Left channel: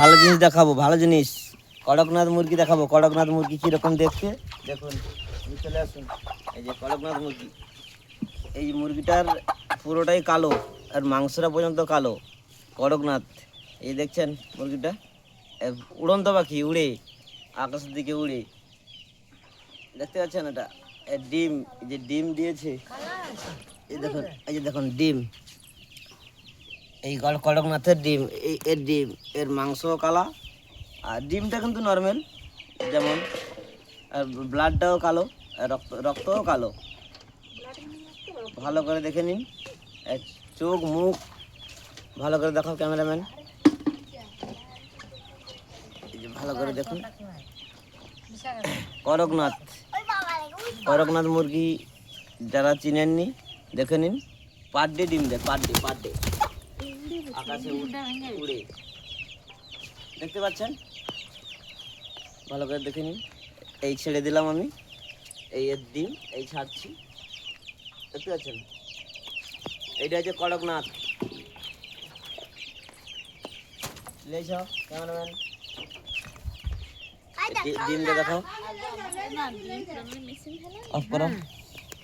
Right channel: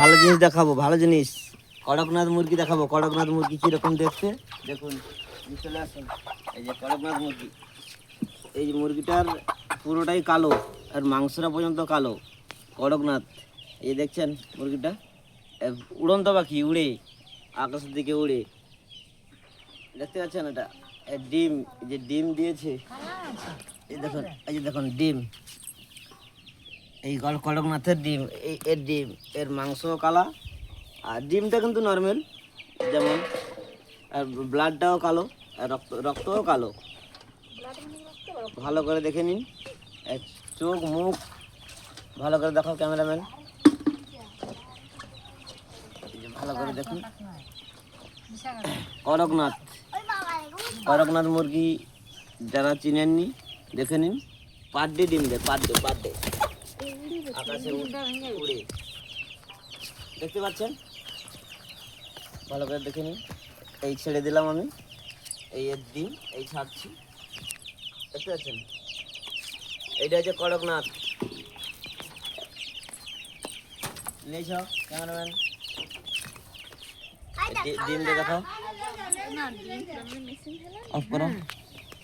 ভালো জিনিস দেখাবো, ভালো জিনিস। কড়কনাথ মুরগি দেখাবো। কড়কনাথ মুরগি কীরকম দেখতে দেখুন, চলে আসুন। এই যে কড়কনাথ মুরগি, এই মুরগিটার পুরোটাই কালো আর মাংসটা পর্যন্ত কালো। কড়কনাথ, এই দেখছেন মুরগিটা উড়ন্ত পাখি, উড়ে আকাশের দিকে উড়ে, দেখতে পাচ্ছেন? এটা ডিম, যে ডিম দিয়েছে, এই দেখুন, এই যে দেখুন ডিম, এই কড়কনাথের ডিম, এই এর ডিম, এর মাংস কালা, আর ডিমটা কিন্তু নর্মাল যেমন, আর ব্লাডটাও কালো, আর রক্তও কালো। ভালো করে দেখে নিন, চোখ মুখ ভালো করে দেখাও ক্যামেরাম্যান, এই যে ভালো করে দেখুন। কড়কনাথ, কড়কনাথ মুরগি যারা চিনেননি দেখে নিন, পার ডে ডিম দেয়, পার ডে আকাশে উড়ে, দেখতে পাচ্ছেন? ভালো করে দেখে নিন। এই ছেড়ে দিলাম আমি, এই এর ডিম, এই ছাড়ছি, দেখতে পাচ্ছেন? এইটা হচ্ছে কড়কনাথ। লেছ ক্যামেরাম্যান, ডিম দেখাও, অফ করো।